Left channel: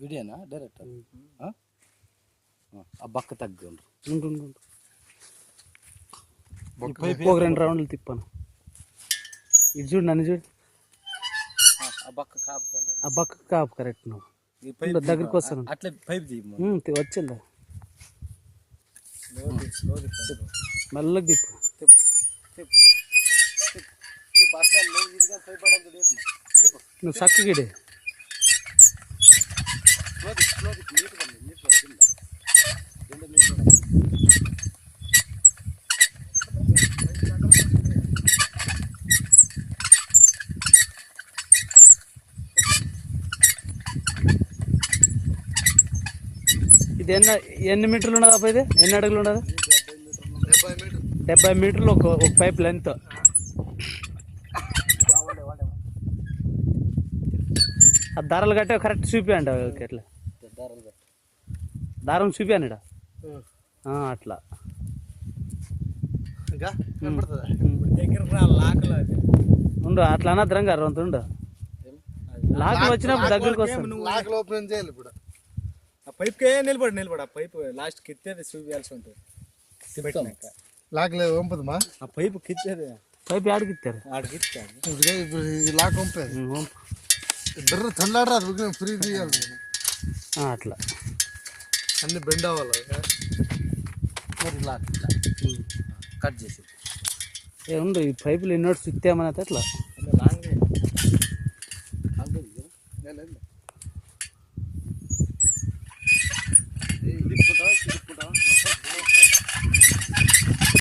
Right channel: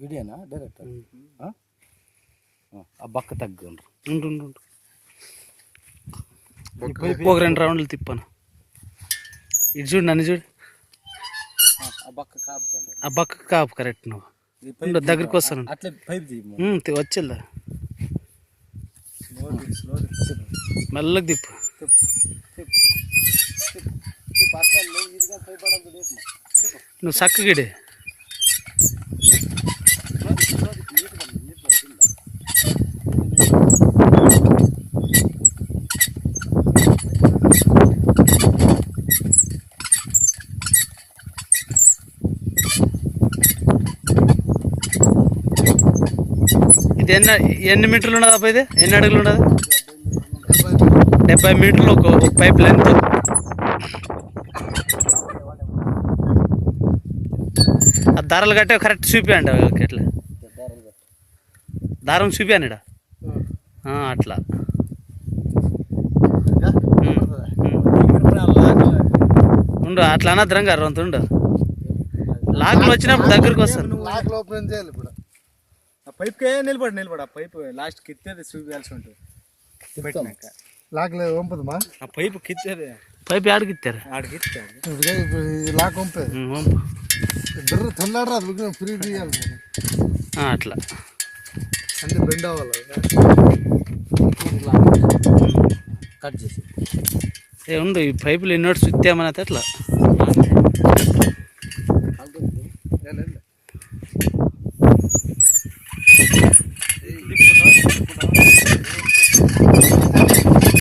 వీడియోనా director ఆ బక్క తగ్గు ఉండు ఒక 2 రౌండ్లు తిప్పాను. ఇటు చూడు, నన్ను చూడు. ఆ బక్క కాపు కరెక్ట్. నువ్వు దగ్గరికి వస్తాను. వచ్చిందా మెల్లగా తిప్పు. నువ్వు చక్కగిడే. ఇది ఎన్ని మీటర్లు ఉండదు అబ్బా? ఇది ఎన్ని అడుగులు ఉండదు? 70 మీటర్లు ఒక పైప్ లెంత్. ఆ దారాలు కట్టే కరెక్ట్ చూపియండి. ఎట్లా దారం చూపియాను ఇడ అట్లా. ఉండు అట్లా అనద్రంగా రొంత ఉండు. లాక్లు వచ్చినప్పుడు దగ్గరకు వస్తుంది. పైప్కే నిలబడి ఆ పైపు లాస్ట్కి ఎత్తేది చూపించాల్సి ఉంటుంది. పెట్టినాక ఆ పైపు కిచ్చేది. పైపు ఆడికి ఇస్తారు. అట్లా కట్ చేసి ఉండు. ఈ పైపులు ఎన్నోటి ఇస్తామని అట్లా